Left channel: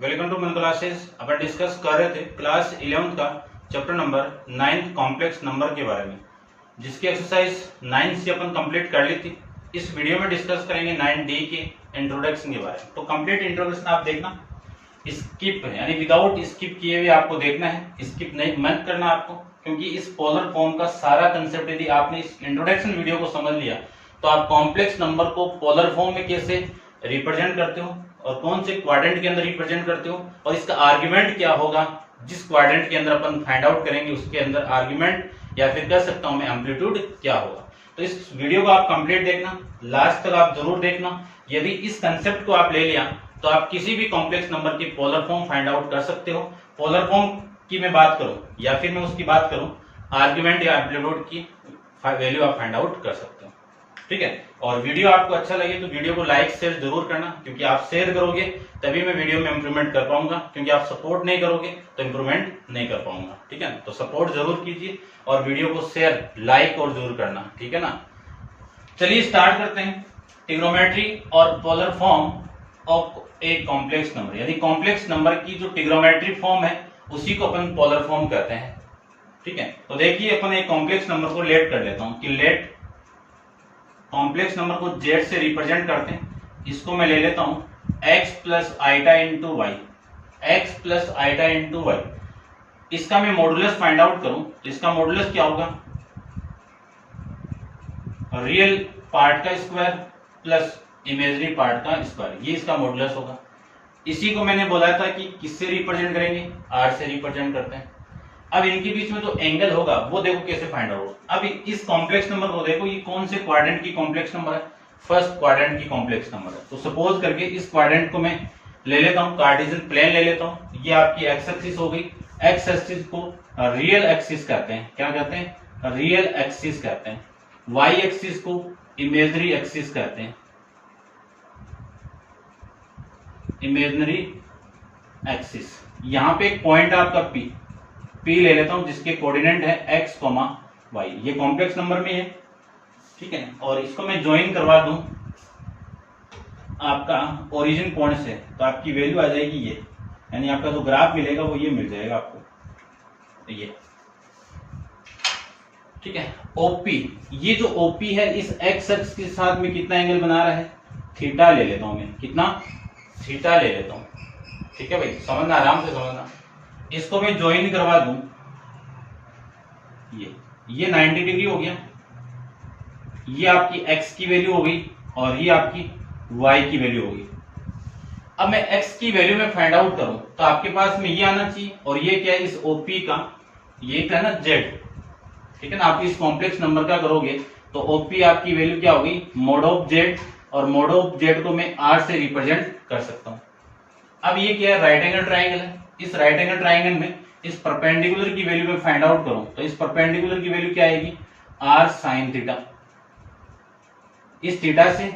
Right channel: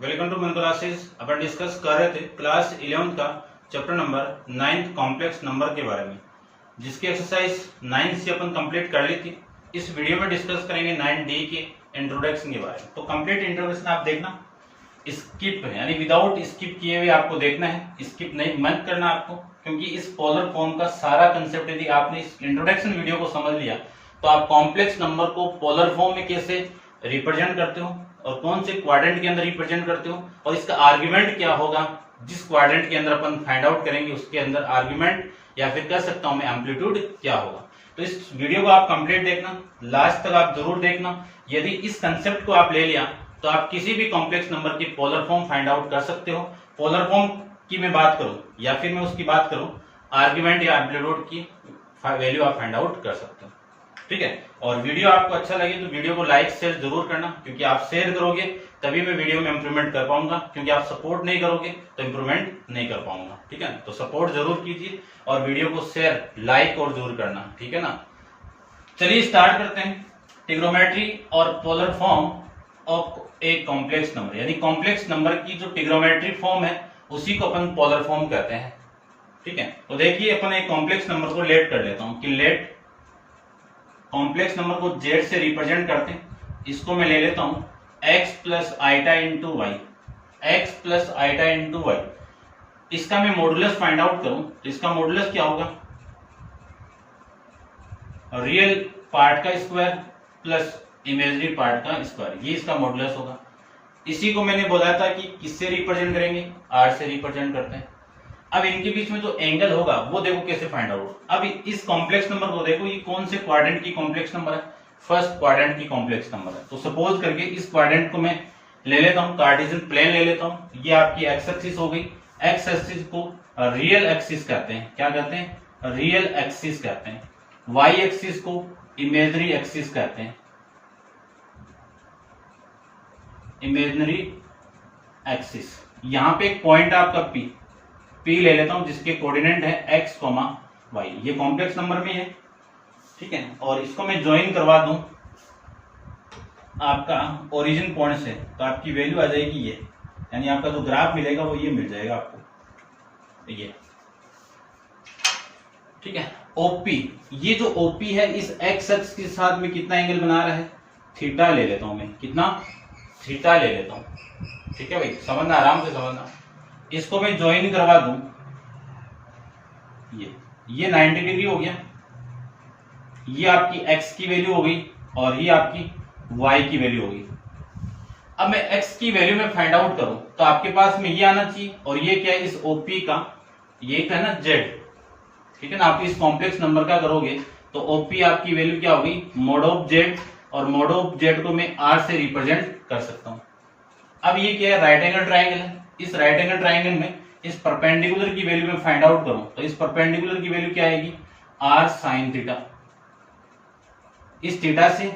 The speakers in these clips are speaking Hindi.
वेलकम टू मन क्लासेस। अपन डिस्कस कर रहे थे क्लास 11 का चैप्टर नंबर 9 कॉम्प्लेक्स नंबर के बारे में, जिसकी एक्सरसाइज 9 से अपन कंप्लीट कर ली थी। इस वीडियो में डिस्कस करेंगे 9D के इंट्रोडक्शन के बारे में। तो कंप्लीट इंट्रोडक्शन आप देखना, स्किप यानी विदाउट स्किप किए हुए आपको देखना है, स्किप नहीं मत करना आपको, क्योंकि इस पोलर फॉर्म का सारा कंसेप्ट यदि आपने इस इंट्रोडक्शन वीडियो को समझ लिया तो आप कॉम्प्लेक्स नंबर को पोलर फॉर्म में कैसे रिप्रेजेंट करते हो और कौन से क्वाड्रेंट के अंदर रिप्रेजेंट करते हो और इसका आर्ग्यूमेंट क्या होगा, जिस क्वाड्रेंट के अंदर अपन फाइंड आउट करेंगे उसके अंदर आर्ग्यूमेंट या फिर कह सकता हूं मैं एम्पलीट्यूड क्या होगा। तो इस वीडियो को आप कंप्लीट देखना, लास्ट तक आप जरूर देखना। यदि इस कंसेप्ट को आप ले लिया तो आप किसी भी कॉम्प्लेक्स नंबर की पोलर फॉर्म फाइंड आउट कर सकते हो। पोलर फॉर्म की मैं बात करूं या फिर मैं उसकी बात करूं आर्ग्यूमेंट या एम्पलीट्यूड की वैल्यू आप फाइंड आउट कर सकते हो। ठीक है, और वीडियो आपको अच्छा लगे तो वीडियो को लाइक शेयर जरूर करना, क्योंकि आप शेयर करोगे तभी मैं वीडियो में इंप्रूवमेंट कर पाऊंगा, क्योंकि आप सपोर्ट नहीं करोगे तो इंप्रूवमेंट नहीं कर पाऊंगा। ठीक है, तो सपोर्ट जरूर कीजिए और वीडियो को शेयर लाइक और जरूर करना। ठीक है ना, चलिए स्टार्ट करते हैं। ट्रिग्नोमेट्री और polar form of a complex number, यानी कॉम्प्लेक्स नंबर की जो ट्रिग्नोमेट्री फॉर्म है उसी को अपन पोलर फॉर्म कहते हैं। ठीक है, तो देखिए अपन एक कॉम्प्लेक्स नंबर को लेट कर लेता हूं कि लेट कॉम्प्लेक्स नंबर को z से रिप्रेजेंट करते हैं। इसको मैं ले लेता हूं x plus iota into y, x plus iota into y. इसका मैं मॉडुलस फाइंड आउट करूं तो इसका मॉडुलस क्या होगा, रियल पार्ट का स्क्वायर प्लस इमेजिनरी पार्ट का स्क्वायर, ये इसका मॉडुलस होगा। इसी को मैंने बोला था कि किससे रिप्रेजेंट करेंगे, r से रिप्रेजेंट करते हैं। अब इनके बीच में जो एंगल होगा वो देखो कैसे फाइंड आउट होगा। अब इस कॉम्प्लेक्स नंबर को देखो, ये कौन से क्वाड्रेंट की कॉम्प्लेक्स नंबर है, फर्स्ट क्वाड्रेंट की कॉम्प्लेक्स नंबर है। तो सपोज करके इस क्वाड्रेंट को मैं ले लेता हूँ, कार्टेशियन प्लेन ले लेता हूँ। ये आपकी एक्स एक्सिस हो गई। एक्स एक्सिस को रियल एक्सिस कहते हैं, क्या कहते हैं, रियल एक्सिस कहते हैं। वाई एक्सिस को इमेजिनरी एक्सिस कहते हैं, इमेजिनरी एक्सिस। यहाँ पे एक पॉइंट आपका P ले लेता हूं जिसके कोऑर्डिनेट है x, y। ये कॉम्प्लेक्स नंबर में है। ठीक है, और इसको मैं ज्वाइन करवा दूं आपका ओरिजिन पॉइंट से, तो आपकी वैल्यू आ जाएगी ये, यानी आपका जो ग्राफ मिलेगा वो ये मिल जाएगा आपको, ये। ठीक है, OP, ये जो OP है इस x एक्सिस के साथ में कितना एंगल बना रहा है, थीटा ले लेता हूं मैं, कितना, थीटा ले लेता हूं। ठीक है भाई, समझना, आराम से समझना। इसको मैं ज्वाइन करवा दूं, ये 90 डिग्री हो गया। ये आपकी x की वैल्यू हो गई और ये आपकी y की वैल्यू हो गई। अब मैं x की वैल्यू में फाइंड आउट करूं तो आपके पास में ये आना चाहिए, और ये क्या है, इस OP का ये क्या है ना, z। ठीक है ना, आप इस कॉम्प्लेक्स नंबर का करोगे तो OP आपकी वैल्यू क्या होगी, मोड ऑफ z, और मोड ऑफ z को मैं r से रिप्रेजेंट कर सकता हूं। अब ये क्या है, राइट एंगल ट्राइंगल है। इस राइट एंगल ट्राइंगल में इस परपेंडिकुलर की वैल्यू में फाइंड आउट करूं तो इस परपेंडिकुलर की वैल्यू क्या आएगी, r sin थीटा। इस थीटा से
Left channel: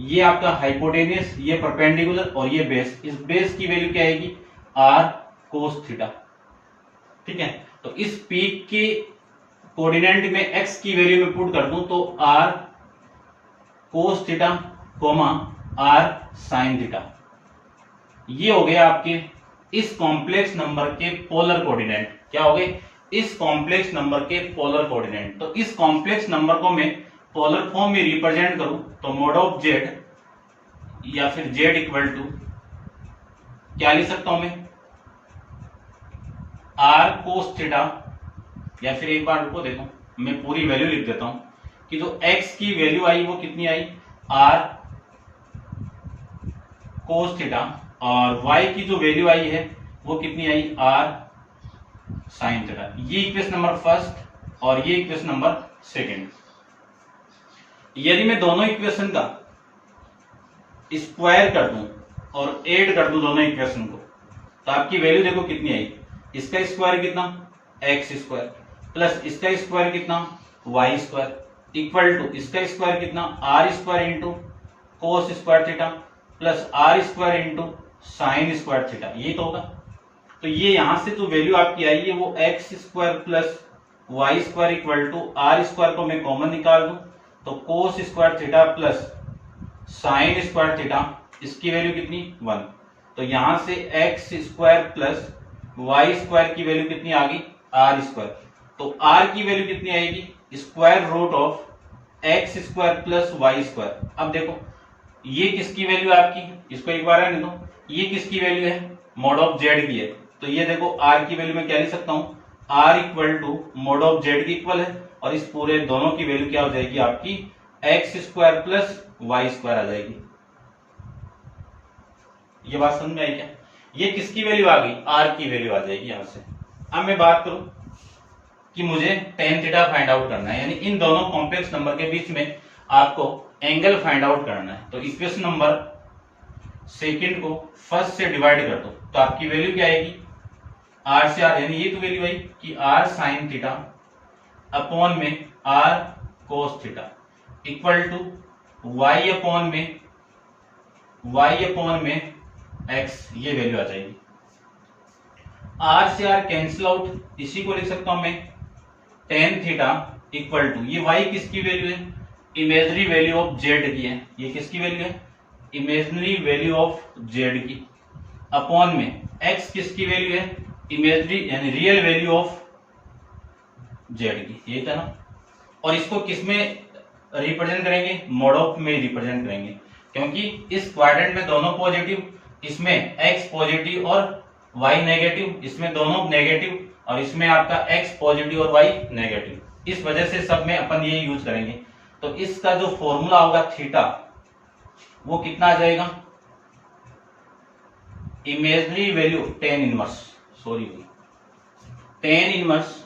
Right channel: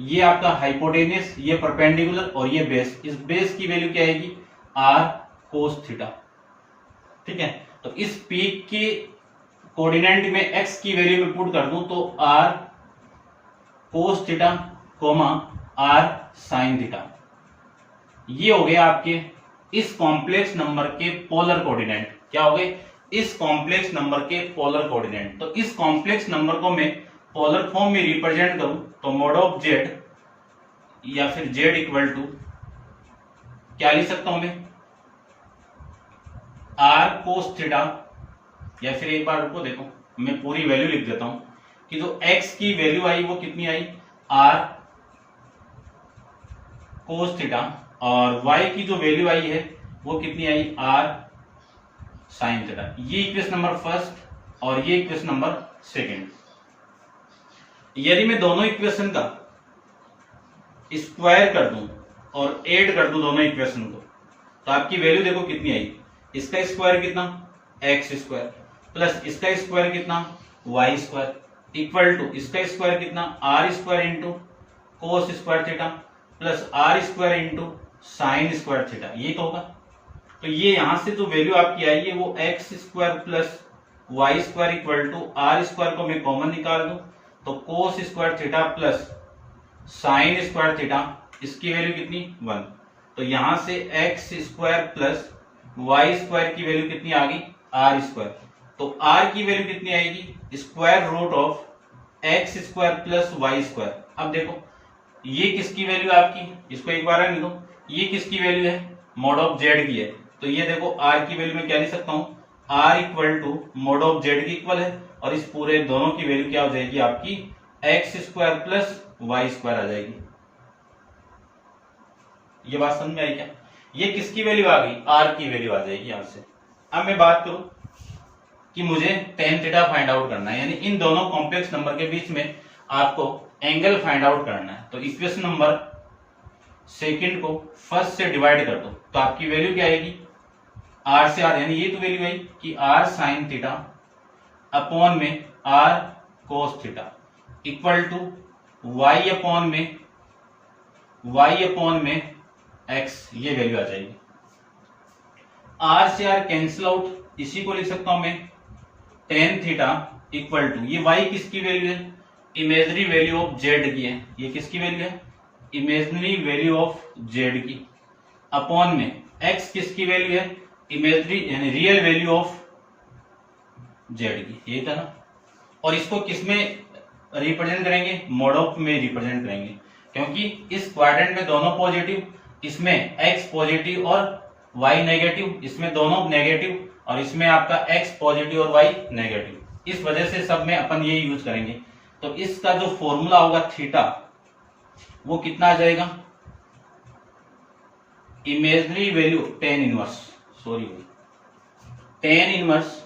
ये आपका हाइपोटेनियस, ये परपेंडिकुलर और ये बेस, इस बेस की वैल्यू क्या आएगी, r cos थीटा। ठीक है, तो इस पीक के कोऑर्डिनेट में x की वैल्यू में पुट कर दूं तो r cos theta, r sin theta. ये हो गया आपके इस कॉम्प्लेक्स नंबर के पोलर कोऑर्डिनेट। क्या हो गए, इस कॉम्प्लेक्स नंबर के पोलर कोऑर्डिनेट। तो इस कॉम्प्लेक्स नंबर को मैं पोलर फॉर्म में रिप्रेजेंट करूं तो मोड ऑफ z या फिर z इक्वल टू क्या लिख सकता हूं मैं, r cos थीटा, या फिर एक बार रुको देखो मैं पूरी वैल्यू लिख देता हूं कि जो x की वैल्यू आई वो कितनी आई, r cos थीटा, और y की जो वैल्यू आई है वो कितनी आई, r sin थीटा। ये इक्वेशन नंबर फर्स्ट और ये इक्वेशन नंबर सेकंड। यदि मैं दोनों इक्वेशन का स्क्वायर कर दूं और ऐड कर दूं दोनों इक्वेशन को तो आपकी वैल्यू देखो कितनी आई, इसका स्क्वायर कितना, x स्क्वायर, प्लस इसका स्क्वायर कितना, y स्क्वायर, इक्वल टू इसका स्क्वायर कितना, r square into cos square theta plus r square into sine square theta. ये तो होगा। तो ये यहां से जो वैल्यू आपकी आई है वो x square plus y square equal to r square को मैं कॉमन निकाल दूं तो cos square theta plus sine square theta, इसकी वैल्यू कितनी, 1। तो यहां से x square plus Y square की वैल्यू कितनी आ गई, आर स्क्वायर। तो आर की वैल्यू कितनी आएगी, square root of x square plus Y square. अब देखो ये किसकी वैल्यू है आपकी, इसको एक बार आने दो, ये किसकी वैल्यू है, मॉड ऑफ जेड की है। तो ये देखो आर की वैल्यू में क्या लिख सकता हूं, r equal to mod of z की इक्वल है, और इस पूरे दोनों की वैल्यू क्या हो जाएगी आपकी, X square plus Y square आ जाएगी। ये बात समझ में आई क्या, ये किसकी वैल्यू आ गई, आर की वैल्यू आ जाएगी यहां से। अब मैं बात करूं कि मुझे टेन थीटा फाइंड आउट करना है, यानी इन दोनों कॉम्प्लेक्स नंबर के बीच में आपको एंगल फाइंड आउट करना है। तो इक्वेशन नंबर सेकंड को फर्स्ट से डिवाइड कर दो, तो आपकी वैल्यू क्या आएगी, आर से आर, यानी ये तो वैल्यू आई कि आर साइन थीटा अपॉन में r cos theta equal to y upon में एक्स, ये वैल्यू आ जाएगी। आर से आर कैंसिल आउट, इसी को लिख सकता हूं मैं टेन थीटा इक्वल टू, ये वाई किसकी वैल्यू है, इमेजनरी वैल्यू ऑफ जेड की है, ये किसकी वैल्यू है, इमेजनरी वैल्यू ऑफ जेड की, अपॉन में एक्स किसकी वैल्यू है, इमेजनरी यानी रियल वैल्यू ऑफ जेड की, ये था ना। और इसको किसमें रिप्रेजेंट करेंगे, मॉड ऑफ में रिप्रेजेंट करेंगे, क्योंकि इस क्वाड्रेंट में दोनों पॉजिटिव, इसमें एक्स पॉजिटिव और वाई नेगेटिव, इसमें दोनों नेगेटिव, और इसमें आपका एक्स पॉजिटिव और वाई नेगेटिव, इस वजह से सब में अपन ये यूज करेंगे। तो इसका जो फॉर्मूला होगा थीटा, वो कितना आ जाएगा, imaginary value tan inverse, ten inverse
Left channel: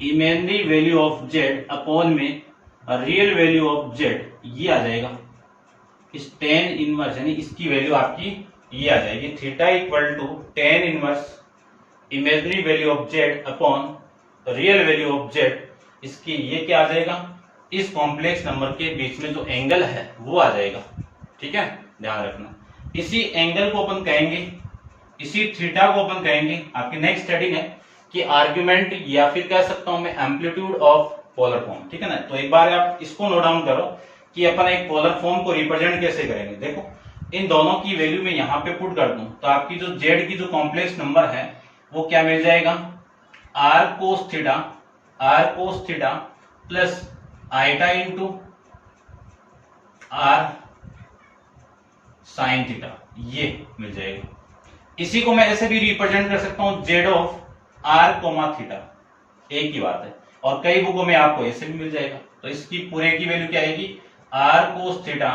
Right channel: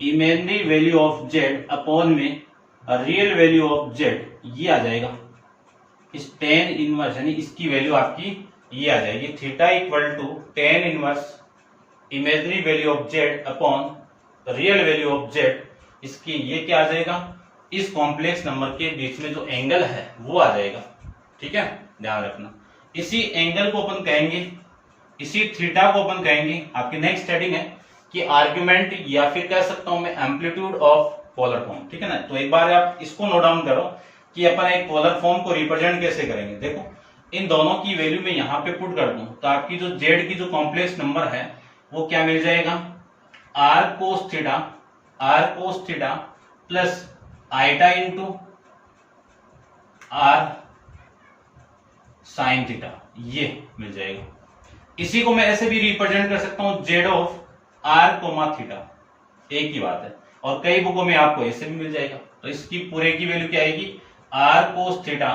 imaginary value of z upon में रियल वैल्यू ऑफ जेड, ये आ जाएगा। इस टेन इनवर्स यानी इसकी वैल्यू आपकी ये आ जाएगी, theta equal to tan inverse imaginary value of z upon real value of z, इसकी ये क्या आ जाएगा, इस कॉम्प्लेक्स नंबर के बीच में जो एंगल है वो आ जाएगा। ठीक है, ध्यान रखना। इसी एंगल को अपन कहेंगे, इसी थीटा को अपन कहेंगे, आपकी नेक्स्ट हेडिंग है कि आर्ग्यूमेंट, या फिर कह सकता हूं मैं एम्पलीट्यूड ऑफ पोलर फॉर्म। ठीक है ना, तो एक बार आप इसको नोट डाउन करो कि अपन एक पोलर फॉर्म को रिप्रेजेंट कैसे करेंगे। देखो इन दोनों की वैल्यू में यहां पे पुट कर दूं, तो आपकी जो जेड की जो कॉम्प्लेक्स नंबर है वो क्या मिल जाएगा, r cos theta plus iota into r sine theta, ये मिल जाएगा। इसी को मैं ऐसे भी रिप्रेजेंट कर सकता हूं, z of r comma theta, एक ही बात है, और कई बुकों में आपको ऐसे भी मिल जाएगा। तो इसकी पूरे की वैल्यू क्या आएगी, r cos theta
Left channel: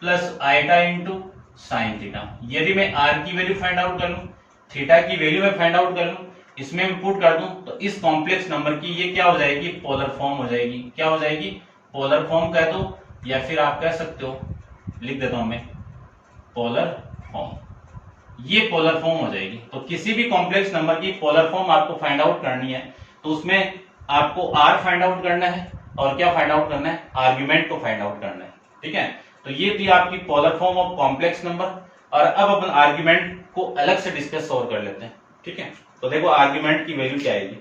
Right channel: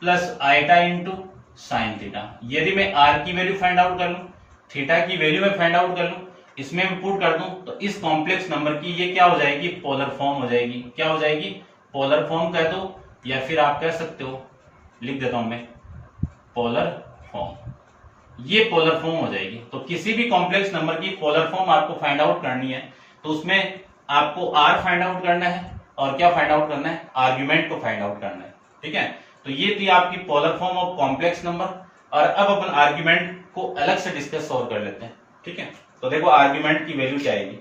plus iota into sine theta. यदि मैं आर की वैल्यू फाइंड आउट कर लूं, थीटा की वैल्यू मैं फाइंड आउट कर लूं, इसमें मैं पुट कर दूं, तो इस कॉम्प्लेक्स नंबर की ये क्या हो जाएगी, पोलर फॉर्म हो जाएगी। क्या हो जाएगी, पोलर फॉर्म कह दो, या फिर आप कह सकते हो, लिख देता हूं मैं पोलर फॉर्म, ये पोलर फॉर्म हो जाएगी। तो किसी भी कॉम्प्लेक्स नंबर की पोलर फॉर्म आपको फाइंड आउट करनी है, तो उसमें आपको आर फाइंड आउट करना है, और क्या फाइंड आउट करना है, आर्ग्यूमेंट को फाइंड आउट करना है। ठीक है, तो ये थी आपकी polar form of complex number. और अब अपन आर्ग्यूमेंट को अलग से डिस्कस और कर लेते हैं। ठीक है, तो देखो आर्ग्यूमेंट की वैल्यू क्या आएगी,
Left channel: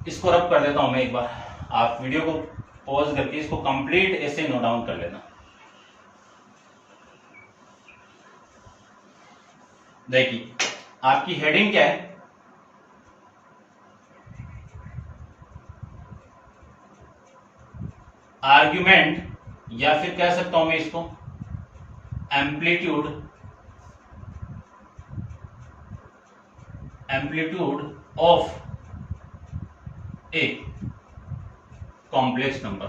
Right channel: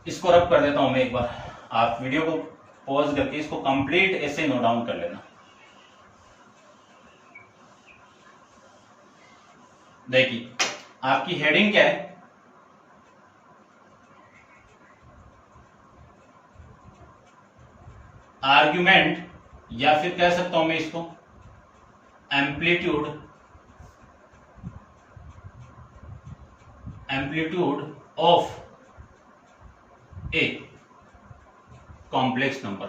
इसको रब कर देता हूं मैं एक बार, आप वीडियो को पॉज करके इसको कंप्लीट ऐसे नोट डाउन कर लेना। देखिए आपकी हेडिंग क्या है, आर्ग्यूमेंट, या फिर कह सकता हूं मैं इसको amplitude of a complex number.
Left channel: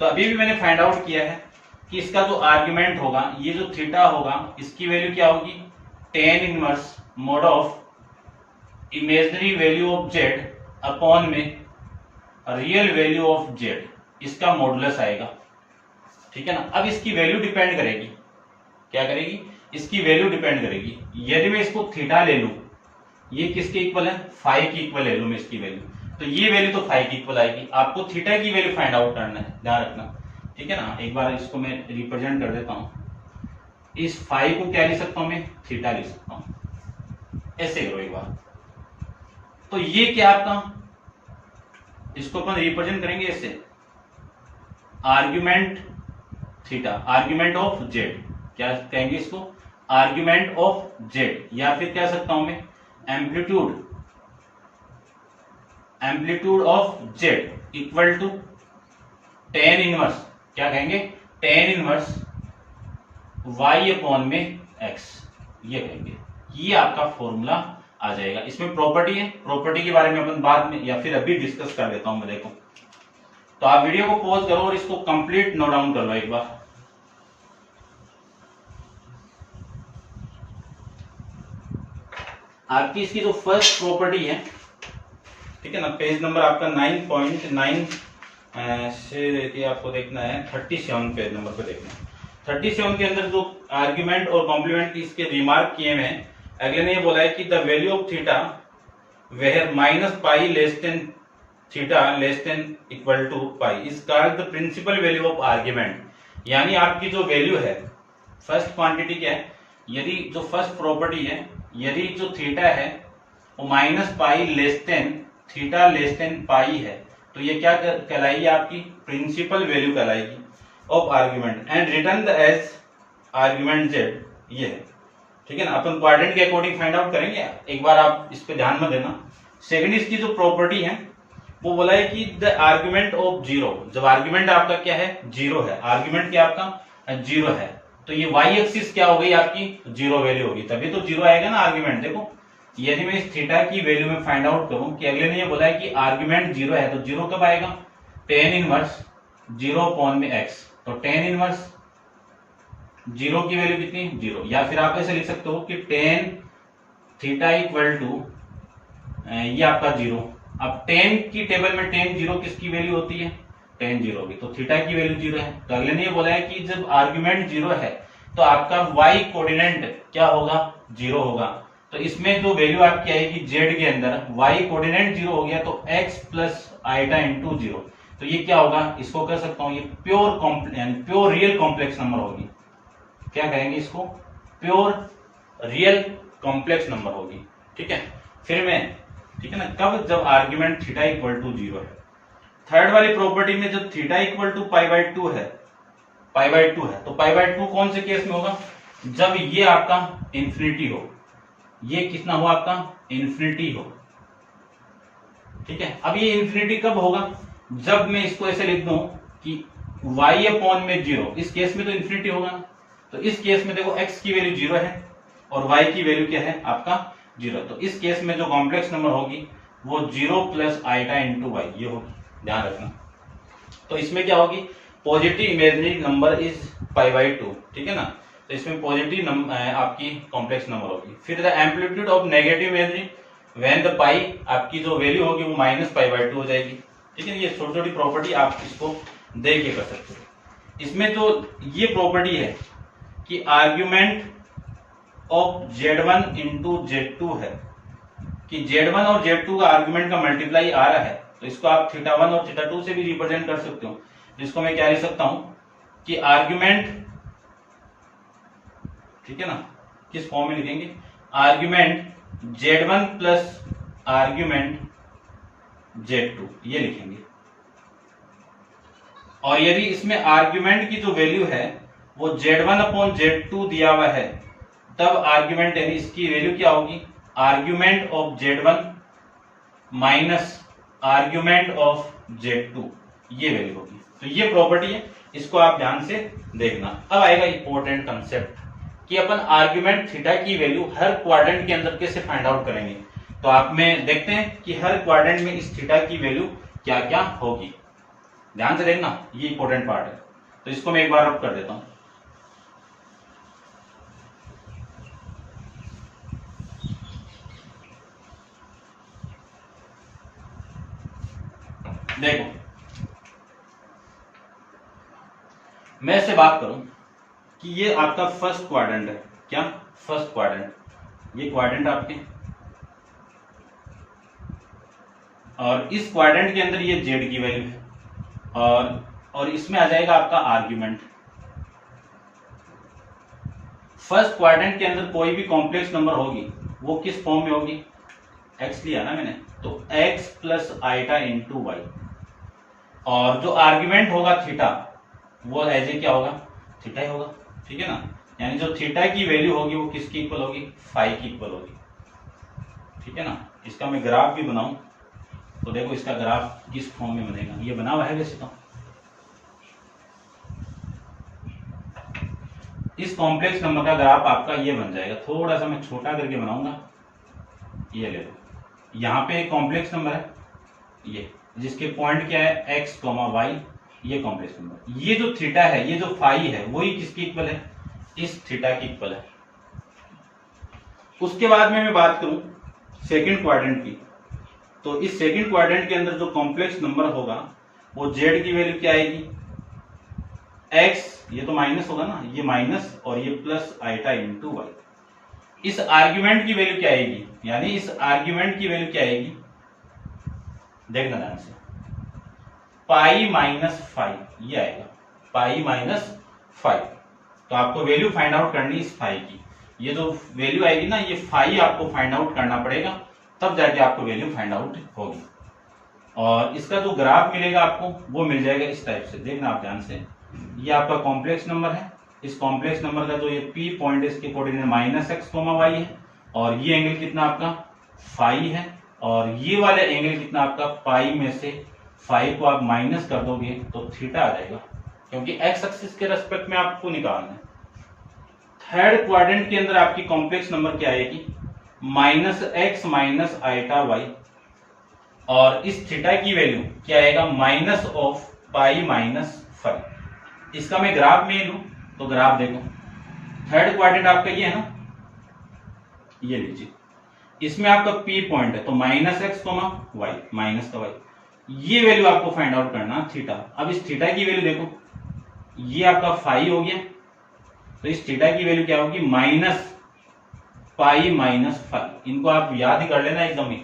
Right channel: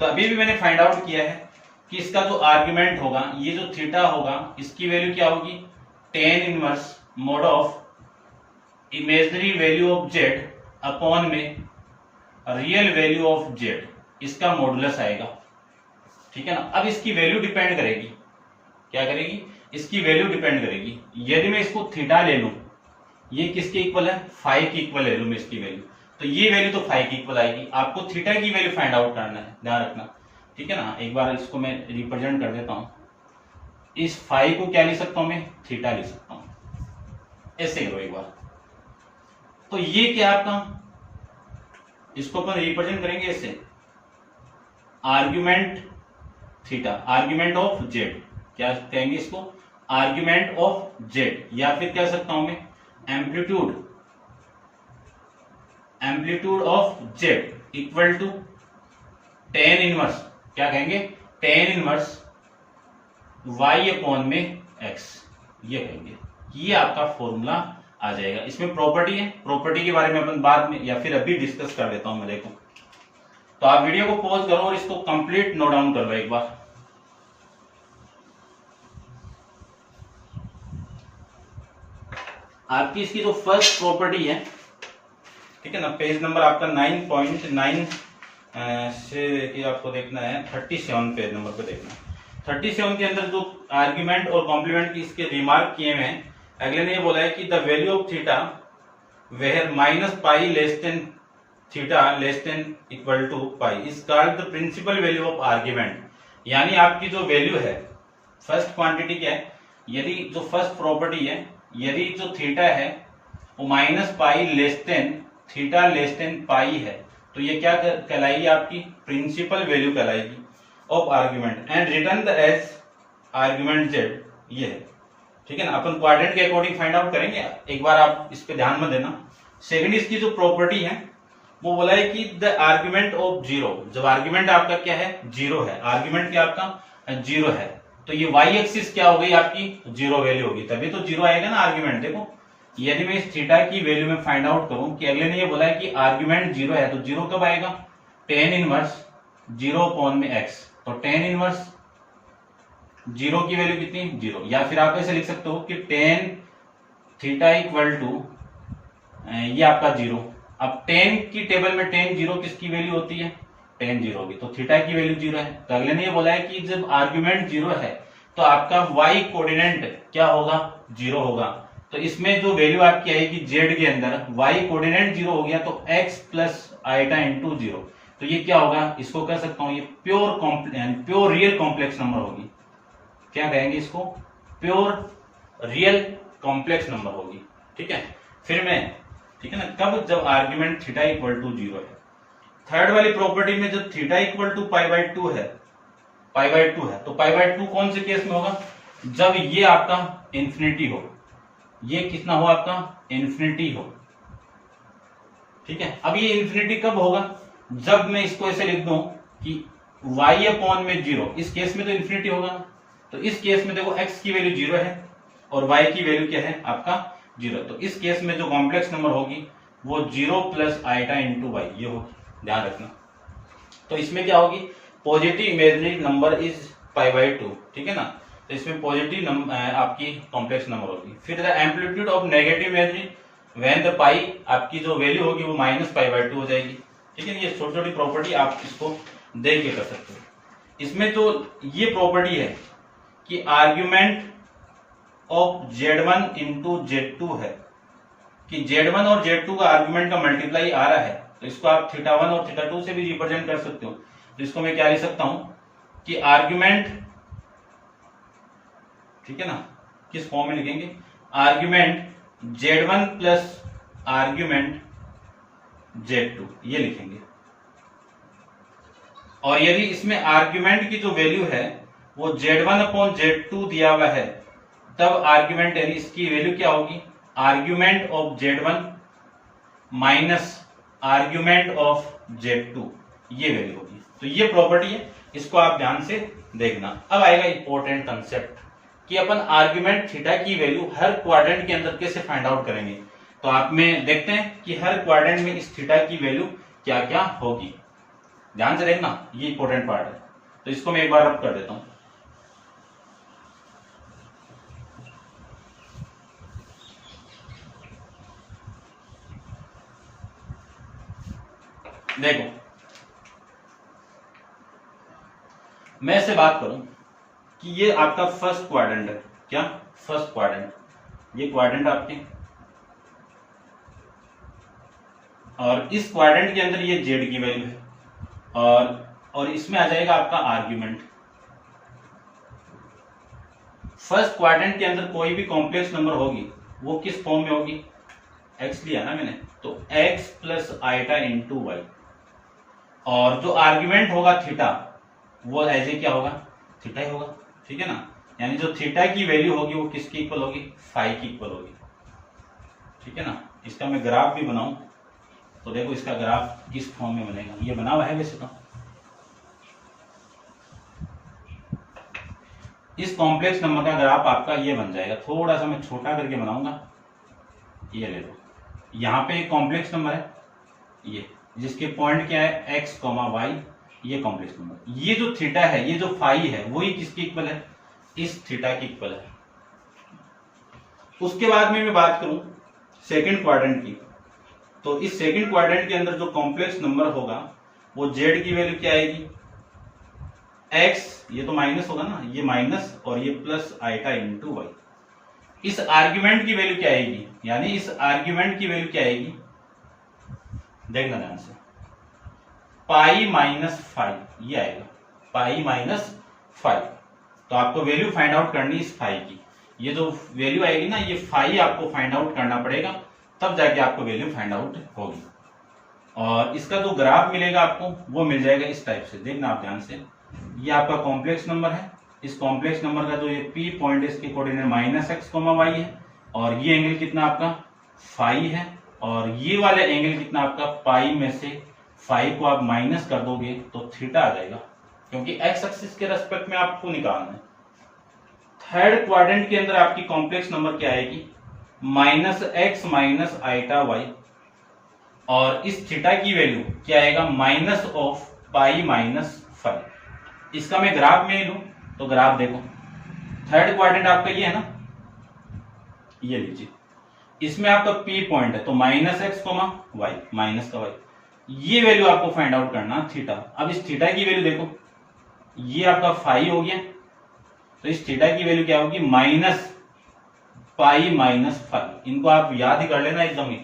तो अभी भी मैंने फाइंड आउट किया है कि इसका जो आर्ग्यूमेंट होगा, ये जो थीटा होगा, इसकी वैल्यू क्या होगी, tan inverse mod of imaginary value of z upon में रियल वैल्यू ऑफ जेड, इसका मॉडुलस आएगा। ठीक है ना, अब इसकी वैल्यू डिपेंड करेगी, क्या करेगी, इसकी वैल्यू डिपेंड करेगी। यदि मैं इसको थीटा ले लूं, ये किसके इक्वल है, फाइव की इक्वल ले लूं मैं इसकी वैल्यू, तो ये वैल्यू तो फाइव की इक्वल आएगी। आपको थीटा की वैल्यू फाइंड आउट करना है, ध्यान रखना। ठीक है ना, एक बार इसको मैं रिप्रेजेंट कर देता हूं, इस फाइव को क्या लिख सकता हूं मैं, थीटा लिख सकता हूं, ऐसे करो एक बार। तो ये क्या आपका, इसको अपन रिप्रेजेंट करेंगे ऐसे, argument theta, argument of Z, क्या कहेंगे इसको, आर्ग्यूमेंट ऑफ जेड, या फिर कह सकता हूं मैं amplitude, amplitude of z equal to tan inverse, क्या कहेंगे, टेन इनवर्स y अपॉन में x, ये कहेंगे। ये आपका फॉर्मूला आ जाएगा। इसमें प्रॉपर्टी है, प्रॉपर्टी के बारे में अपन बाद में या फिर अभी डिस्कस कर लेता हूं मैं। देखो तो आप वीडियो को पॉज करो और इसको कंप्लीट नोट डाउन कर लो एक बार। आपकी इसकी जो फर्स्ट प्रॉपर्टी है, ठीक है ना, पेज नंबर आपका 9.9 से ये आपको देखना है 37 पेज नंबर पे देखना है। 37 के अंदर जो आर्ग्यूमेंट और कॉम्प्लीमेंट की इसके रिमार्क किए हुए हैं, अगले ने ये बोला है कि the value of theta where minus pi less than theta less than equal to pi is called the principal value of argument. यानी आपकी जो वैल्यू है, फर्स्ट क्वांटिटी क्या है, यदि जो फर्स्ट प्रॉपर्टी है, यदि जो थीटा है वो minus pi less than theta less than pi है, तो ये क्या कहलाएगी, आपकी प्रिंसिपल वैल्यू कहलाएगी of argument and return the as argument Z, ये है, ठीक है ना। अपन क्वाड्रेंट के अकॉर्डिंग फाइंड आउट करेंगे, एक बार आप इस पे ध्यान में देना। सेकंड इसकी जो प्रॉपर्टी है वो बोला है कि द आर्ग्यूमेंट ऑफ जीरो, जब आर्ग्यूमेंट आपका क्या है, जीरो है, आर्ग्यूमेंट क्या आपका जीरो है, तो ये वाई एक्सिस क्या हो गई आपकी, जीरो वैल्यू होगी, तभी तो जीरो आएगा ना आर्ग्यूमेंट। देखो यदि मैं इस थीटा की वैल्यू में फाइंड आउट करूं कि अगले ने ये बोला है कि आर्ग्यूमेंट जीरो है, तो जीरो कब आएगा, टेन इनवर्स जीरो अपॉन में एक्स, तो टेन इनवर्स जीरो की वैल्यू कितनी, जीरो। या फिर आप ऐसे लिख सकते हो कि टेन थीटा इक्वल टू ये आपका जीरो। अब टेन की टेबल में टेन जीरो किसकी वैल्यू होती है, टेन जीरो की, तो थीटा की वैल्यू जीरो है। तो अगले ने ये बोला है कि जब आर्ग्यूमेंट जीरो है तो आपका वाई कोऑर्डिनेट क्या होगा, जीरो होगा। तो इसमें जो वैल्यू आपकी आएगी जेड के अंदर, वाई कोऑर्डिनेट जीरो हो गया तो x plus iota into zero, तो ये क्या होगा, इसको कह सकता हूं ये प्योर रियल कॉम्प्लेक्स नंबर होगी। क्या कहेंगे इसको, प्योर रियल कॉम्प्लेक्स नंबर होगी, ठीक है। फिर मैं, ठीक है ना, कब, जब argument theta equal to zero है। थर्ड वाली प्रॉपर्टी में जब theta equal to pi by two है, पाई बाई टू है, तो पाई बाई टू कौन से केस में होगा, जब ये आपका इंफिनिटी हो, ये कितना हो आपका, इंफिनिटी हो, ठीक है। अब ये इंफिनिटी कब होगा, जब मैं इसको ऐसे लिख दूं कि y अपॉन में जीरो, इस केस में तो इंफिनिटी होगा ना, तो इस केस में देखो x की वैल्यू जीरो है और y की वैल्यू क्या है आपका जीरो, तो इस केस में जो कॉम्प्लेक्स नंबर होगी वो zero plus iota into y, ये होगी, ध्यान रखना। तो इसमें क्या होगी, positive imaginary number is pi by two, ठीक है ना, तो इसमें पॉजिटिव आपकी कॉम्प्लेक्स नंबर होगी। फिर the amplitude of negative imaginary when the pi, आपकी जो वैल्यू होगी वो माइनस पाई बाई टू हो जाएगी, ठीक है। ये छोटी छोटी प्रॉपर्टी आप इसको देख के कर सकते हो। इसमें जो ये प्रॉपर्टी है कि argument of Z1 into Z2 है, कि Z1 और Z2 का आर्ग्यूमेंट का मल्टीप्लाई आ रहा है, तो इसको आप थीटा वन और थीटा टू से भी रिप्रेजेंट कर सकते हो। तो इसको मैं क्या लिख सकता हूं कि आर्ग्यूमेंट, ठीक है ना, किस फॉर्म में लिखेंगे, argument Z1 plus argument Z2, ये लिखेंगे। और यदि इसमें आर्ग्यूमेंट की जो वैल्यू है वो Z1 अपॉन Z2 दिया हुआ है, तब आर्ग्यूमेंट यानी इसकी वैल्यू क्या होगी, argument of Z1 minus argument of Z2, ये वैल्यू होगी। तो ये प्रॉपर्टी है, इसको आप ध्यान से देखना। अब आएगा इंपॉर्टेंट कंसेप्ट कि अपन आर्ग्यूमेंट थीटा की वैल्यू हर क्वाड्रेंट के अंदर कैसे फाइंड आउट करेंगे। तो आप में देखते हैं कि हर क्वाड्रेंट में इस थीटा की वैल्यू क्या क्या होगी, ध्यान से देखना, ये इंपॉर्टेंट पार्ट है। तो इसको मैं एक बार रब कर देता हूं। देखो मैं इससे बात करूं कि ये आपका फर्स्ट क्वाड्रेंट है, क्या, फर्स्ट क्वाड्रेंट, ये क्वाड्रेंट आपके, और इस क्वाड्रेंट के अंदर ये जेड की वैल्यू है, और इसमें आ जाएगा आपका आर्ग्यूमेंट। फर्स्ट क्वाड्रेंट के अंदर कोई भी कॉम्प्लेक्स नंबर होगी वो किस फॉर्म में होगी, एक्स लिया ना मैंने, तो x plus iota into y, और जो आर्ग्यूमेंट होगा थीटा वो एज ए क्या होगा, थीटा ही होगा, ठीक है ना। यानी जो थीटा की वैल्यू होगी वो किसकी इक्वल होगी, फाई की इक्वल होगी, ठीक है ना। इसका मैं ग्राफ भी बनाऊं तो देखो इसका ग्राफ किस फॉर्म में बनेगा, ये बना हुआ है वैसे तो। इस कॉम्प्लेक्स नंबर का ग्राफ आपका ये बन जाएगा, थोड़ा सा मैं छोटा करके बनाऊंगा। ये ले लो, यहाँ पे एक कॉम्प्लेक्स नंबर है ये, जिसके पॉइंट क्या है x, y, ये कॉम्प्लेक्स नंबर। ये जो थीटा है, ये जो फाई है, वही किसकी इक्वल है, इस थीटा की इक्वल है। उसके बाद में मैं बात करूं सेकंड क्वाड्रेंट की, तो इस सेकंड क्वाड्रेंट के अंदर जो कॉम्प्लेक्स नंबर होगा वो z की वैल्यू क्या आएगी, x, ये तो माइनस होगा ना, ये माइनस और ये प्लस आइटा इंटू वाई। इस आर्ग्यूमेंट की वैल्यू क्या आएगी, यानी इस आर्ग्यूमेंट की वैल्यू क्या आएगी, देखना ध्यान से, पाई माइनस फाइव, ये आएगा पाई माइनस फाइव। तो आपको वैल्यू फाइंड आउट करनी इस फाई की, ये जो वैल्यू आएगी ना, ये फाई आपको फाइंड आउट करना पड़ेगा, तब जाके आपको वैल्यू फाइंड आउट होगी। और इसका जो ग्राफ मिलेगा आपको वो मिल जाएगा इस टाइप से, देखना आप ध्यान से। ये आपका कॉम्प्लेक्स नंबर है, इस कॉम्प्लेक्स नंबर का जो ये पी पॉइंट है इसके कोऑर्डिनेट माइनस एक्स वाई है, और ये एंगल कितना आपका फाई है, और ये वाले एंगल कितना आपका पाई में से फाई को आप माइनस कर दोगे तो थीटा आ जाएगा, क्योंकि एक्स एक्सिस के रेस्पेक्ट में आपको निकालना है। थर्ड क्वाड्रेंट के अंदर आपकी कॉम्प्लेक्स नंबर क्या आएगी, minus x minus iota y, और इस थीटा की वैल्यू क्या आएगा, minus of pi minus five. इसका मैं ग्राफ में लूं तो ग्राफ देखो, थर्ड क्वाड्रेंट आपका ये है ना, ये लीजिए, इसमें आपका पी पॉइंट है तो माइनस एक्स वाई, माइनस का वाई, ये वैल्यू आपको फाइंड आउट करना थीटा। अब इस थीटा की वैल्यू देखो, ये आपका फाई हो गया, तो इस थीटा की वैल्यू क्या होगी, माइनस पाई माइनस फाइव। इनको आप याद ही कर लेना एकदम ही।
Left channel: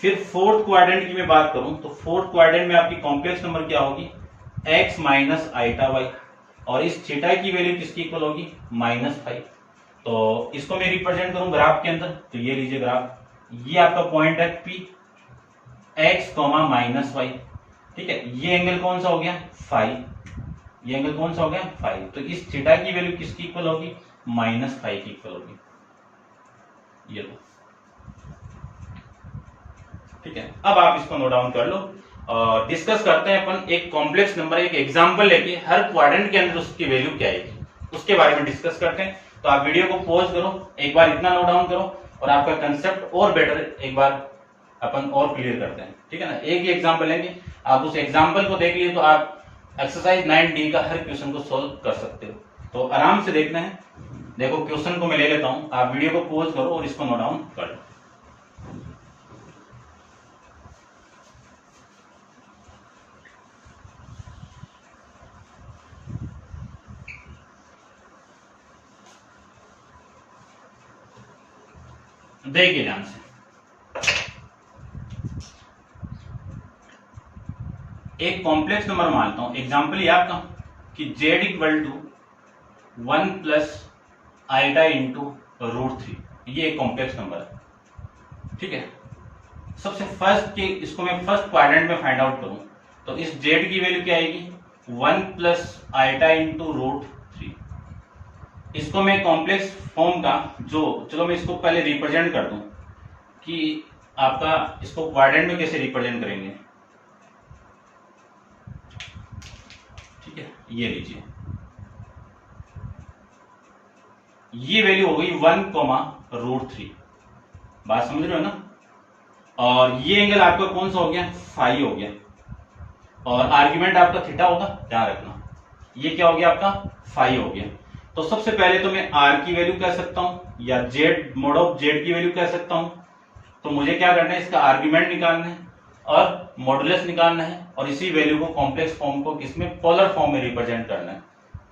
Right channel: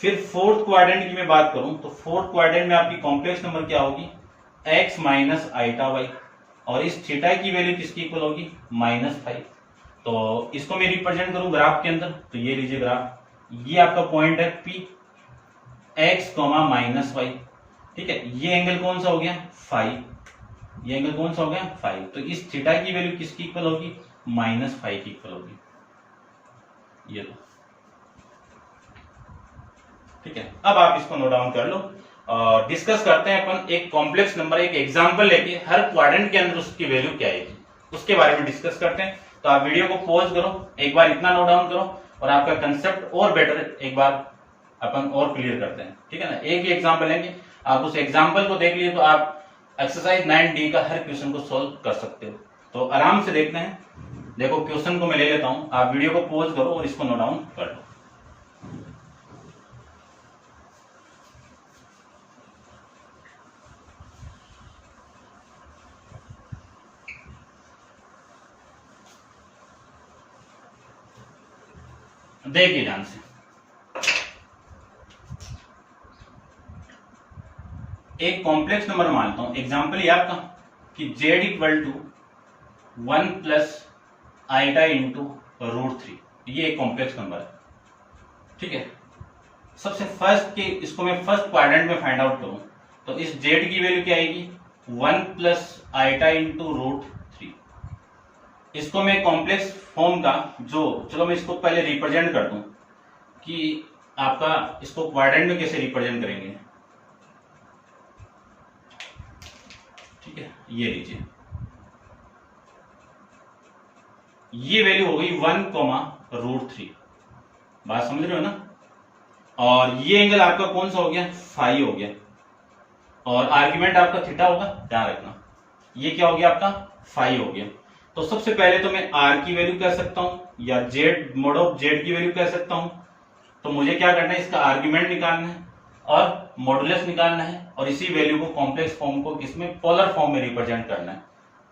फिर फोर्थ क्वाड्रेंट की मैं बात करूं तो फोर्थ क्वाड्रेंट में आपकी कॉम्प्लेक्स नंबर क्या होगी, x माइनस आइटा वाई, और इस थीटा की वैल्यू किसकी इक्वल होगी, माइनस फाइव। तो इसको मैं रिप्रेजेंट करूं ग्राफ के अंदर, तो ये लीजिए ग्राफ, ये आपका पॉइंट है P, x माइनस वाई, ठीक है। ये एंगल कौन सा हो गया, फाइव, ये एंगल कौन सा हो गया, फाइव। तो इस थीटा की वैल्यू किसकी इक्वल होगी, माइनस फाइव की इक्वल होगी, ये लो, ठीक है। अब आप इसको नोट डाउन कर लो और डिस्कस करते हैं अपन एक कॉम्प्लेक्स नंबर, एक एग्जांपल लेके हर क्वाड्रेंट के अंदर उसकी वैल्यू क्या आएगी, उसके बारे में डिस्कस करते हैं। तो आप वीडियो को पॉज करो, एक बार इतना नोट डाउन करो, और आपका कंसेप्ट और बेटर एक बार अपन और क्लियर करते हैं, ठीक है ना। एक ही एग्जांपल लेंगे, आप उस एग्जांपल को देख लिए तो आप एक्सरसाइज 9D का हर क्वेश्चन को सोल्व कर सकते हो। तो आराम से देखना है, देखो क्वेश्चन को मैं ले लेता हूं, आप वीडियो को पॉज करो और इसको नोट डाउन कर लो। देखिए ध्यान से, एक कॉम्प्लेक्स नंबर मानता हूं, एग्जांपल ये आपका कि z equal to 1 plus iota into √3, ये एक कॉम्प्लेक्स नंबर है, ठीक है। सबसे फर्स्ट के इसको मैं फर्स्ट क्वाड्रेंट में फाइंड आउट करूं तो इस z की वैल्यू क्या आएगी, 1 प्लस आइटा इंटू √3। इसको मैं कॉम्प्लेक्स फॉर्म का जो, चलो मैं इसको पहले रिप्रेजेंट कर दूं कि आपका इसको क्वाड्रेंट में कैसे रिप्रेजेंट करेंगे, ठीक है। ये लीजिए, ये वैल्यू हो गई 1, √3, बात समझ रहे हो ना। और ये एंगल आपका कौन सा हो गया, फाई हो गया, और आर्ग्यूमेंट आपका थीटा होगा, ध्यान रखना। ये क्या हो गया आपका, फाई हो गया। तो सबसे पहले तो मैं r की वैल्यू कह सकता हूं या z मोड ऑफ z की वैल्यू कह सकता हूं। तो मुझे क्या करना है, इसका आर्ग्यूमेंट निकालना है और मॉडुलस निकालना है, और इसी वैल्यू को कॉम्प्लेक्स फॉर्म को किसमें, पोलर फॉर्म में रिप्रेजेंट करना है।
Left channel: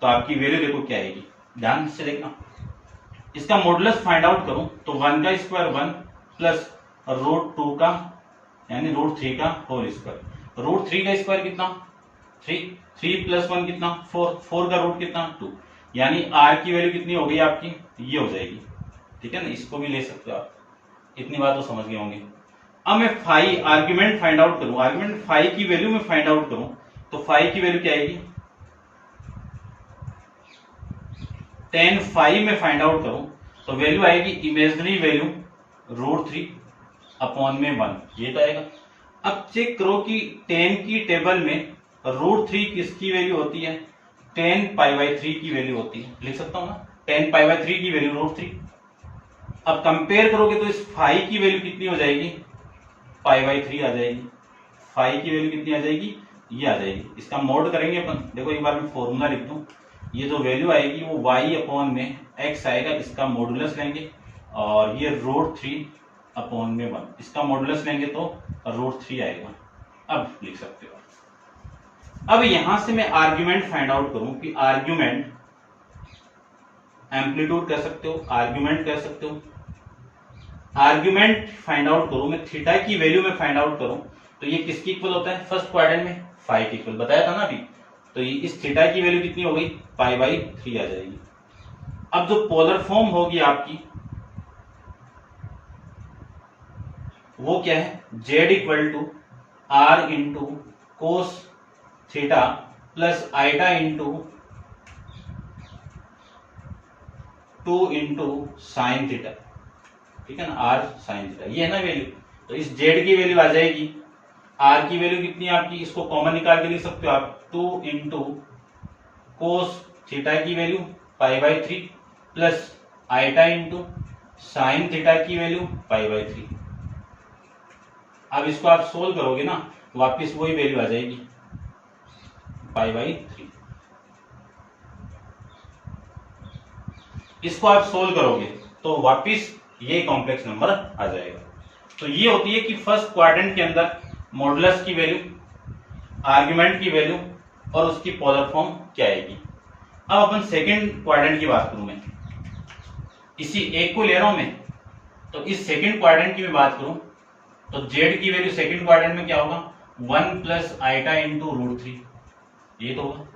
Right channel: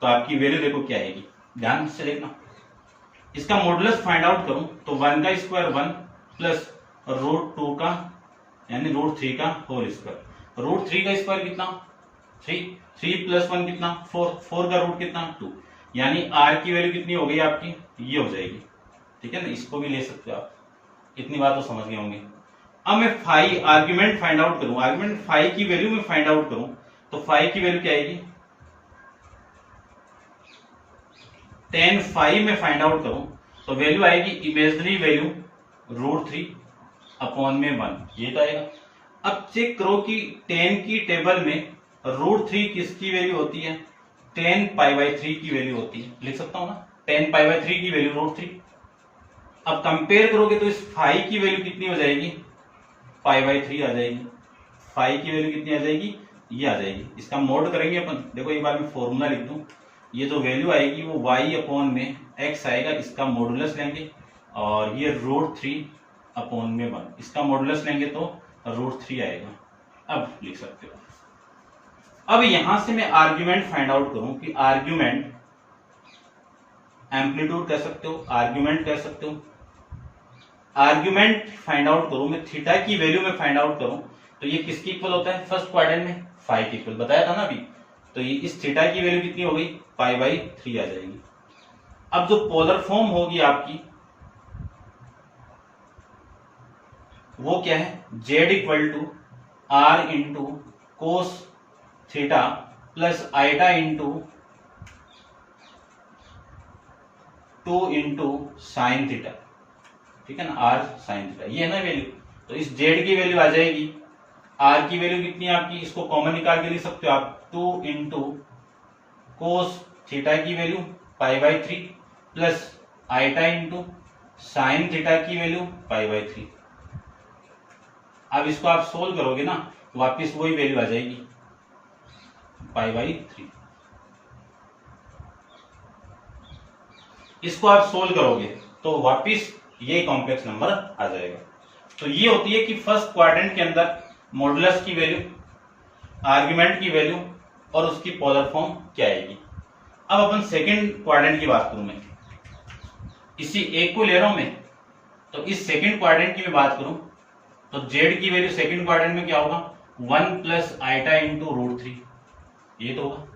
तो आपकी वैल्यू देखो क्या आएगी, ध्यान से देखना। इसका मॉडुलस फाइंड आउट करूं तो 1 का स्क्वायर 1 प्लस √2 का यानी √3 का होल स्क्वायर। √3 का स्क्वायर कितना, 3 प्लस 1 कितना, 4 का रूट कितना, 2, यानी r की वैल्यू कितनी हो गई आपकी, ये हो जाएगी, ठीक है ना। इसको भी ले सकते हो आप, इतनी बात तो समझ गए होंगे। अब मैं फाई आर्ग्यूमेंट फाइंड आउट करूं, आर्ग्यूमेंट फाई की वैल्यू में फाइंड आउट करूं तो फाई की वैल्यू क्या आएगी, tan फाई में फाइंड आउट करूं तो वैल्यू आएगी इमेजिनरी वैल्यू √3/1 ये तो आएगा। अब चेक करो कि tan की टेबल में √3 किसकी वैल्यू होती है, tan π/3 की वैल्यू होती है, लिख सकता हूं ना, tan π/3 की वैल्यू √3। अब कंपेयर करोगे तो इस फाई की वैल्यू कितनी हो जाएगी, π/3 आ जाएगी। फाई की वैल्यू कितनी आ जाएगी, ये आ जाएगी। इसका मोड करेंगे अपन, देखो एक बार मैं फॉर्मूला लिख दूं, ये जो वैल्यू आएगी वो y/x आएगा, इसका मॉडुलस लेंगे और ये √3/1 इसका मॉडुलस लेंगे तो √3 आएगा। अब लिख सकते हो। अब यहां से मैं आर्ग्यूमेंट फाइंड आउट करूं कि आर्ग्यूमेंट एम्पलीट्यूड कह सकते हो, आर्ग्यूमेंट कह सकते हो। आर्ग्यूमेंट फाइंड आउट करूं मैं, थीटा की वैल्यू में फाइंड आउट करूं तो ये किसके इक्वल होता है, फर्स्ट क्वाड्रेंट में फाई के इक्वल, बताया था ना अभी। तो ये इस थीटा की वैल्यू कितनी हो गई, π/3 आ जाएगी। अब जो पोलर फॉर्म होगी आपकी वो क्या है, z = r × cos theta plus iota × 2 × sine theta, ठीक है ना, r sin थीटा, ये है ना वैल्यू। तो इस z की वैल्यू आ जाएगी, r की वैल्यू कितनी है आपकी, इसको कॉमन निकाल के लिख सकते हो आप, 2 × cos थीटा की value π/3 plus iota × sine theta की वैल्यू π/3। अब इसको आप सोल्व करोगे ना तो वापस वही वैल्यू आ जाएगी, π/3। इसको आप सोल्व करोगे तो वापस ये कॉम्प्लेक्स नंबर आ जाएगा। तो ये होती है कि फर्स्ट क्वाड्रेंट के अंदर मॉडुलस की वैल्यू, आर्ग्यूमेंट की वैल्यू और उसकी पोलर फॉर्म क्या आएगी। अब अपन सेकंड क्वाड्रेंट की बात करूं मैं, इसी एक को ले रहा हूं मैं, तो इस सेकंड क्वाड्रेंट की मैं बात करूं तो z की वैल्यू सेकंड क्वाड्रेंट में क्या होगा, 1 प्लस आइटा × √3 ये तो होगा।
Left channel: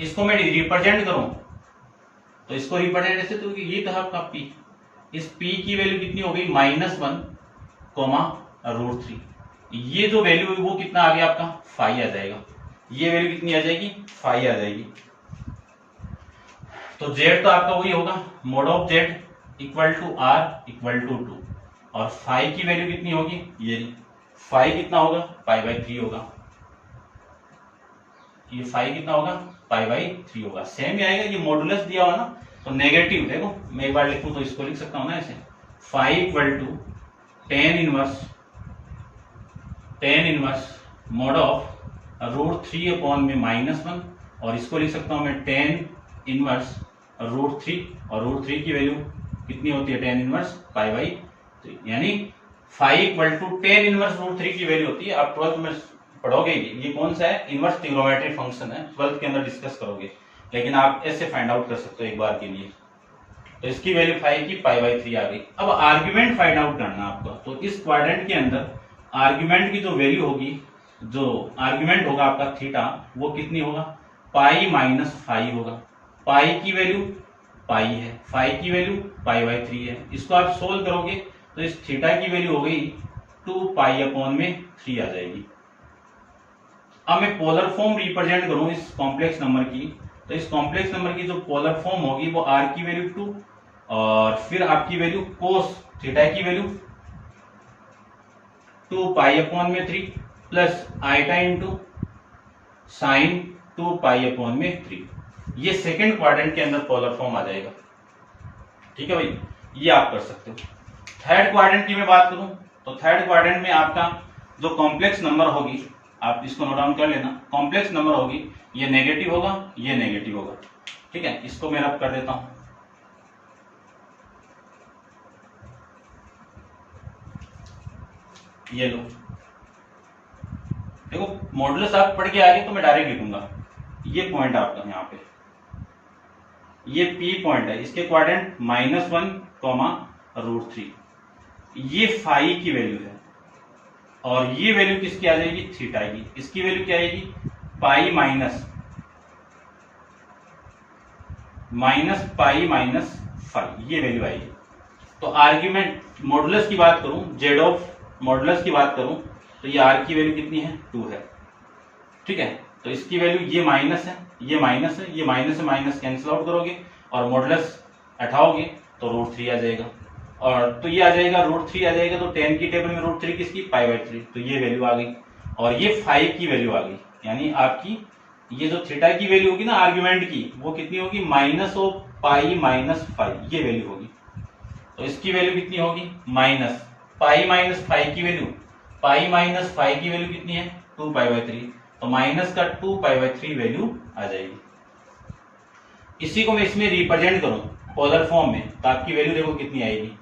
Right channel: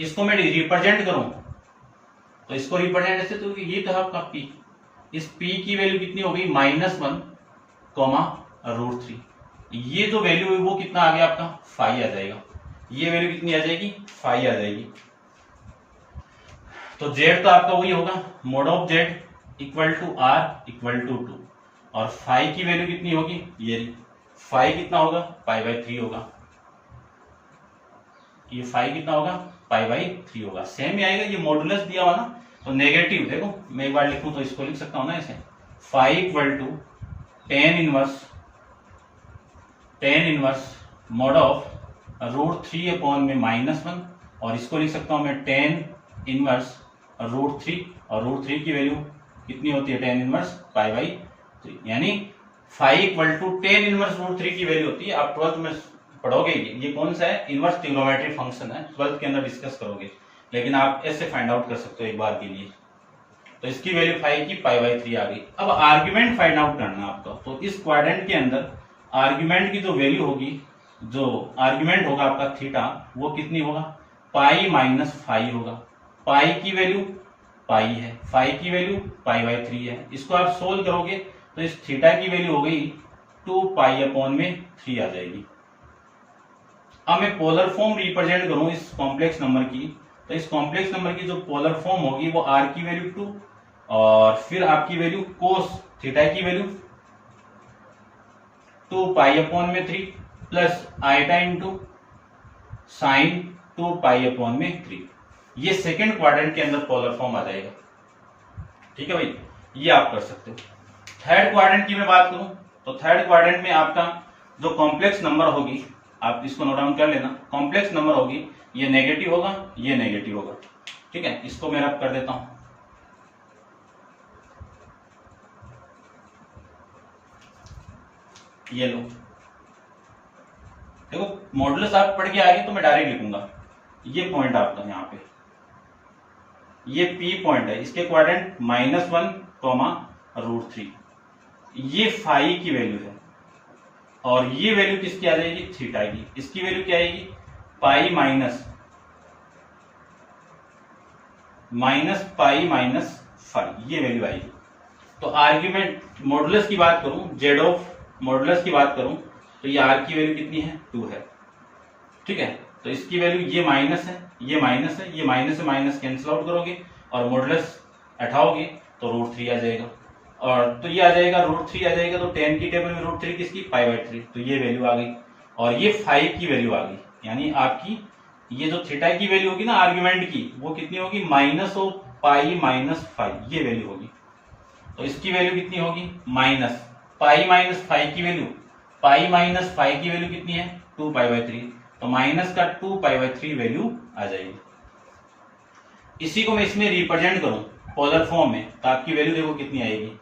इसको मैं रिप्रेजेंट करूं तो इसको रिप्रेजेंट ऐसे, तो ये तो है आपका p, इस p की वैल्यू कितनी हो गई, -1, √3। ये जो वैल्यू है वो कितना आ गया आपका, फाई आ जाएगा। ये वैल्यू कितनी आ जाएगी, फाई आ जाएगी। तो z तो आपका वही होगा, mod ऑफ z = r = 2 और फाई की वैल्यू कितनी होगी, ये फाई कितना होगा, π/3 होगा। ये फाई कितना होगा, π/3 होगा। सेम ही आएगा, ये मॉडुलस दिया हुआ ना तो नेगेटिव, देखो मैं एक बार लिखूं तो इसको लिख सकता हूं ना ऐसे, phi = tan inverse mod of √3/-1 और इसको लिख सकता हूं मैं tan इनवर्स √3 और √3 की वैल्यू कितनी होती है, tan इनवर्स π/3, यानी फाई = tan इनवर्स √3 की वैल्यू होती है। आप 12th में पढ़ोगे, ये कौन सा है, इनवर्स ट्रिग्नोमेट्री फंक्शन है, 12th के अंदर डिस्कस करोगे, लेकिन आप ऐसे फाइंड आउट कर सकते हो एक बार के लिए। तो इसकी वैल्यू फाई की π/3 आ गई। अब आर्ग्यूमेंट फाइंड आउट करना है आपका, तो इस क्वाड्रेंट के अंदर आर्ग्यूमेंट की जो वैल्यू होगी, जो आर्ग्यूमेंट होगा आपका थीटा, वो कितनी होगा, π - फाई होगा। पाई की वैल्यू पाई है, फाई की वैल्यू π/3 है। इसको आप सोल्व करोगे तो इस थीटा की वैल्यू हो गई 2π/3 आ जाएगी। अब मैं पोलर फॉर्म रिप्रेजेंट करूं इस कॉम्प्लेक्स नंबर की, तो इस कॉम्प्लेक्स नंबर की जो पोलर फॉर्म होगी वो r की वैल्यू 2 और फिर आपकी वैल्यू कोस थीटा की value 2π/3 plus iota into sine 2π/3। ये सेकेंड क्वाड्रेंट के अंदर पोलर फॉर्म आ जाएगा। ठीक है भाई, ये आप कर सकते हो। थर्ड क्वाड्रेंट की मैं बात करूं तो थर्ड क्वाड्रेंट में आपका जो कॉम्प्लेक्स नंबर होगी, आप इसको नोट डाउन कर लेना, कॉम्प्लेक्स नंबर होगी, ये नेगेटिव होगा, ये नेगेटिव होगा। ठीक है, इसको मैं रब कर देता हूं। ये लो, देखो मॉडुलस आप पढ़ के आ गए तो मैं डायरेक्ट लिखूंगा। ये पॉइंट आपका यहाँ पे, ये P पॉइंट है, इसके क्वाड्रेंट -1, √3। ये फाई की वैल्यू है और ये वैल्यू किसकी आ जाएगी, थीटा की। इसकी वैल्यू क्या आएगी, पाई माइनस फाई, ये वैल्यू आएगी। तो आर्ग्यूमेंट मॉडुलस की बात करूं, जेड ऑफ मॉडुलस की बात करूं तो ये आर की वैल्यू कितनी है, 2 है। ठीक है, तो इसकी वैल्यू ये माइनस है, ये माइनस है, ये माइनस से माइनस कैंसिल आउट करोगे और मॉडुलस हटाओगे तो √3 आ जाएगा, और तो ये आ जाएगा √3 आ जाएगा, तो 10 की टेबल में √3 किसकी, π/3, तो ये वैल्यू आ गई। और ये 5 की वैल्यू आ गई, यानी आपकी ये जो थीटा की वैल्यू होगी ना आर्ग्यूमेंट की, वो कितनी होगी, माइनस ऑफ पाई माइनस 5, ये वैल्यू होगी। तो इसकी वैल्यू कितनी होगी, माइनस पाई माइनस 5 की वैल्यू, पाई माइनस 5 की वैल्यू कितनी है, 2π/3, तो माइनस का 2π/3 वैल्यू आ जाएगी। इसी को मैं इसमें रिप्रेजेंट करूं पोलर फॉर्म में, तो आपकी वैल्यू देखो कितनी आएगी,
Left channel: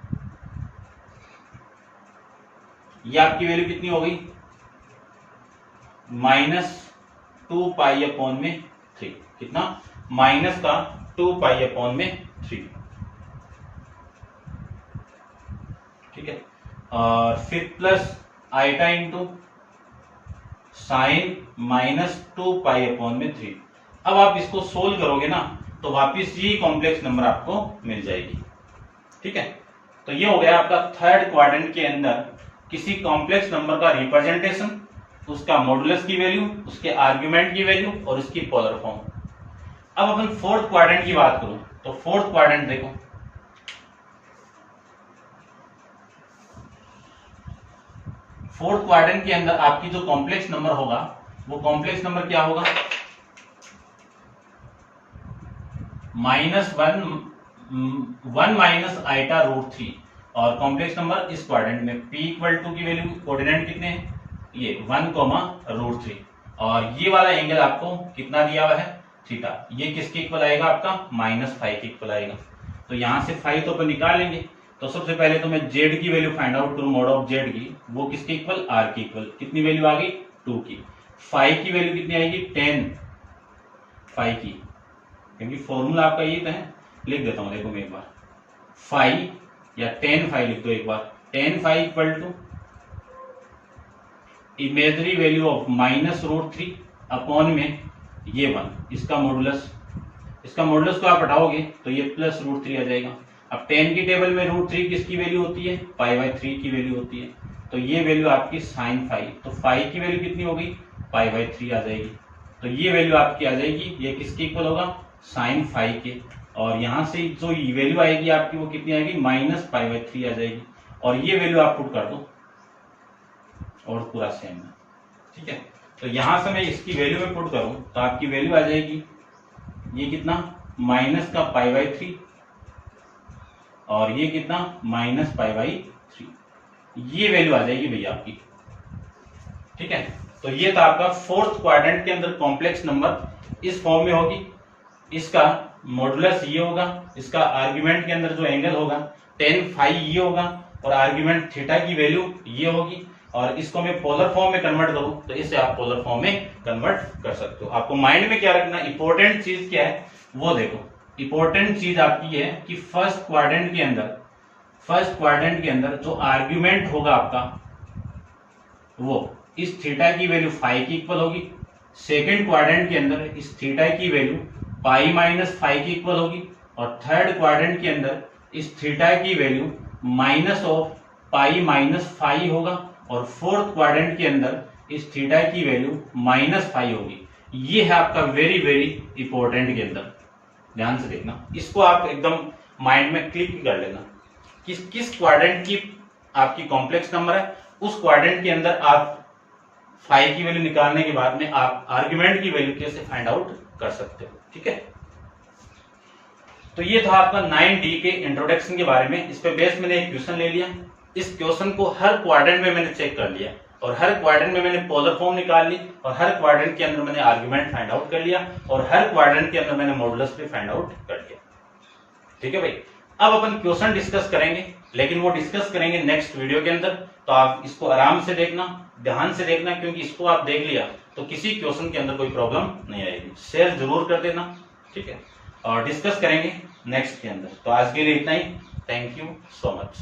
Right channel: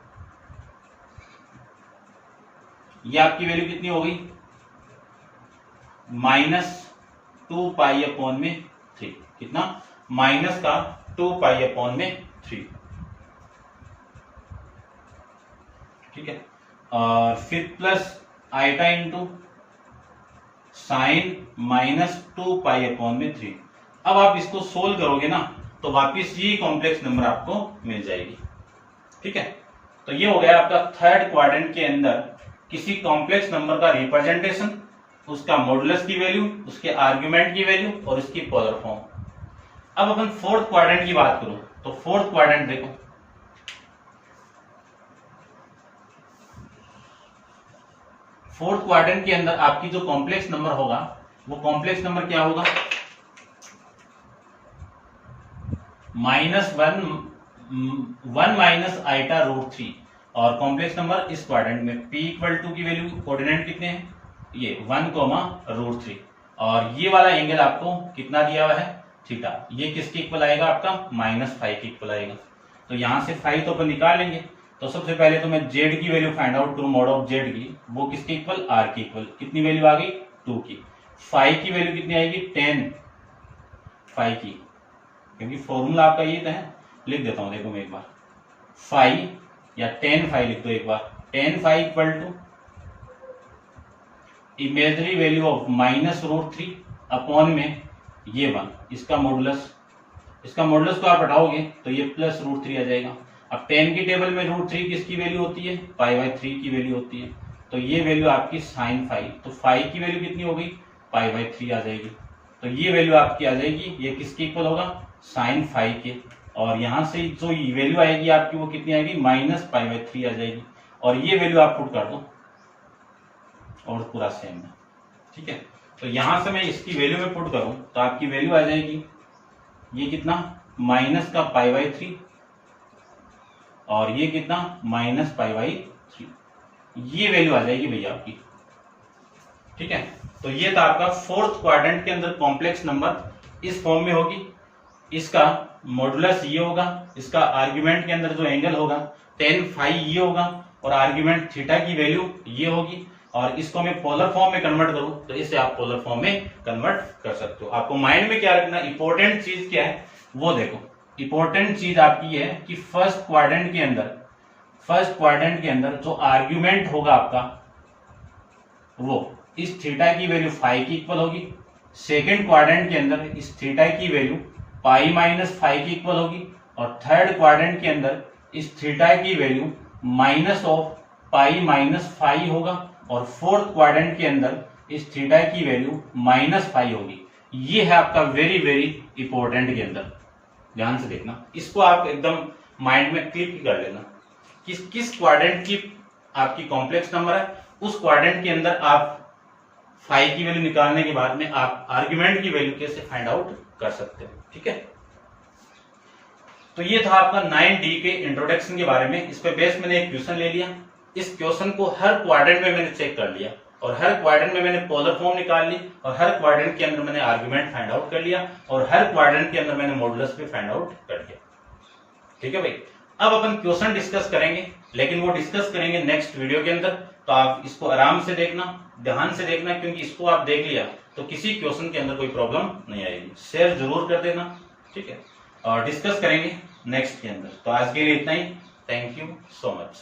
ये आपकी वैल्यू कितनी हो गई, -2π/3, कितना, माइनस का 2π/3, ठीक है। और फिर प्लस आइटा इंटू साइन -2π/3। अब आप इसको सोल्व करोगे ना तो वापिस ये कॉम्प्लेक्स नंबर आपको मिल जाएगी, ठीक है। तो ये हो गया आपका थर्ड क्वाड्रेंट के अंदर किसी कॉम्प्लेक्स नंबर का रिप्रेजेंटेशन, उसका मॉडुलस की वैल्यू, उसके आर्ग्यूमेंट की वैल्यू और उसकी पोलर फॉर्म। अब अपन फोर्थ क्वाड्रेंट की बात करूं तो फोर्थ क्वाड्रेंट देखो, फोर्थ क्वाड्रेंट के अंदर आपकी जो कॉम्प्लेक्स नंबर होगा वो कॉम्प्लेक्स नंबर क्या होगा, -1 माइनस आइटा √3, और कॉम्प्लेक्स नंबर इस क्वाड्रेंट में p=2 की वैल्यू, कोऑर्डिनेट कितने हैं, ये 1, और ये वाला एंगल आपको कितना दिया हुआ है, थीटा, ये किसके इक्वल आएगा आपका, -5 के इक्वल आएगा। तो यहां से 5 तो अपन निकाल लेंगे। तो सबसे पहले तो मैं z की वैल्यू फाइंड आउट करूं, मॉड ऑफ z की, वो किसके इक्वल, r के इक्वल, कितनी वैल्यू आ गई, 2 की। 5 की वैल्यू कितनी आएगी, 10 5 की, क्योंकि फॉर्मूला आपका ये है, लिख देता हूं, देखो मैं एक बार 5 या 10 5 लिख दो एक बार, 10 5 equal to imaginary value of -√3 upon में ये 1, इसका मॉडुलस, इसका मॉडुलस को आप हटाओगे तो ये +√3 आ जाएगा। अब 10 की टेबल में √3 किसकी वैल्यू होती है, π/3 की वैल्यू होती है, तो ये वैल्यू आपकी sin 5, तो 5 की वैल्यू कितनी हो गई, π/3 आ जाएगी। तो ये वैल्यू आपकी आ जाएगी, ये किसके इक्वल होगा, sin 5 के, और यहां से जो वैल्यू आएगी आपकी वो कितनी आएगी, -π/3 आ जाएगी, और ये वैल्यू आप पुट कर दो और पूरा सेम है, ठीक है। तो यहां से मैं इसकी वैल्यू में पुट करूं तो आपकी वैल्यू आ जाएगी, ये कितना, माइनस का π/3, और ये कितना, -π/3, ये वैल्यू आ जाएगी भैया आपकी, ठीक है। तो ये था आपका फोर्थ क्वाड्रेंट के अंदर कॉम्प्लेक्स नंबर इस फॉर्म में होगी, इसका मॉडुलस ये होगा, इसका आर्ग्यूमेंट के अंदर जो एंगल होगा tan phi ये होगा, और आर्ग्यूमेंट थीटा की वैल्यू ये होगी, और इसको मैं पोलर फॉर्म में कन्वर्ट करूं तो इसे आप पोलर फॉर्म में कन्वर्ट कर सकते हो। आपको माइंड में क्या रखना, इंपॉर्टेंट चीज क्या है वो देखो, इंपॉर्टेंट चीज आपकी है कि फर्स्ट क्वाड्रेंट के अंदर जो आर्ग्यूमेंट होगा आपका वो इस थीटा की वैल्यू 5 की इक्वल होगी, सेकेंड क्वाड्रेंट के अंदर इस थीटा की वैल्यू π-5 की इक्वल होगी, और थर्ड क्वाड्रेंट के अंदर इस थीटा की वैल्यू -π-5 होगा, और फोर्थ क्वाड्रेंट के अंदर इस थीटा की वैल्यू -5 होगी। ये है आपका वेरी वेरी इंपॉर्टेंट के अंदर, ध्यान से देखना, इसको आप एकदम माइंड में क्लिक कर लेना, किस क्वाड्रेंट की आपकी कॉम्प्लेक्स नंबर है, उस क्वाड्रेंट के अंदर आप 5 की वैल्यू निकालने के बाद में आप आर्ग्यूमेंट की वैल्यू कैसे फाइंड आउट कर सकते हो, ठीक है। तो ये था आपका 9D के इंट्रोडक्शन के बारे में। इस पे बेस मैंने एक क्वेश्चन ले लिया, इस क्वेश्चन को हर क्वाड्रेंट में मैंने चेक कर लिया, और हर क्वाड्रेंट में मैंने पोलर फॉर्म निकाल ली, और हर क्वाड्रेंट के अंदर मैंने आर्ग्यूमेंट फाइंड आउट कर लिया, और हर क्वाड्रेंट के अंदर मैंने मॉडुलस भी फाइंड आउट कर लिया, ठीक है भाई। अब अपन क्वेश्चन डिस्कस करेंगे, लेकिन वो डिस्कस करेंगे नेक्स्ट वीडियो के अंदर, तो आप इसको आराम से देखना, ध्यान से देखना, क्योंकि इसको आप देख लिया तो किसी क्वेश्चन के अंदर कोई प्रॉब्लम नहीं आएगी। शेयर जरूर कर देना, ठीक है, और डिस्कस करेंगे नेक्स्ट के अंदर। तो आज के लिए इतना ही, थैंक यू सो मच।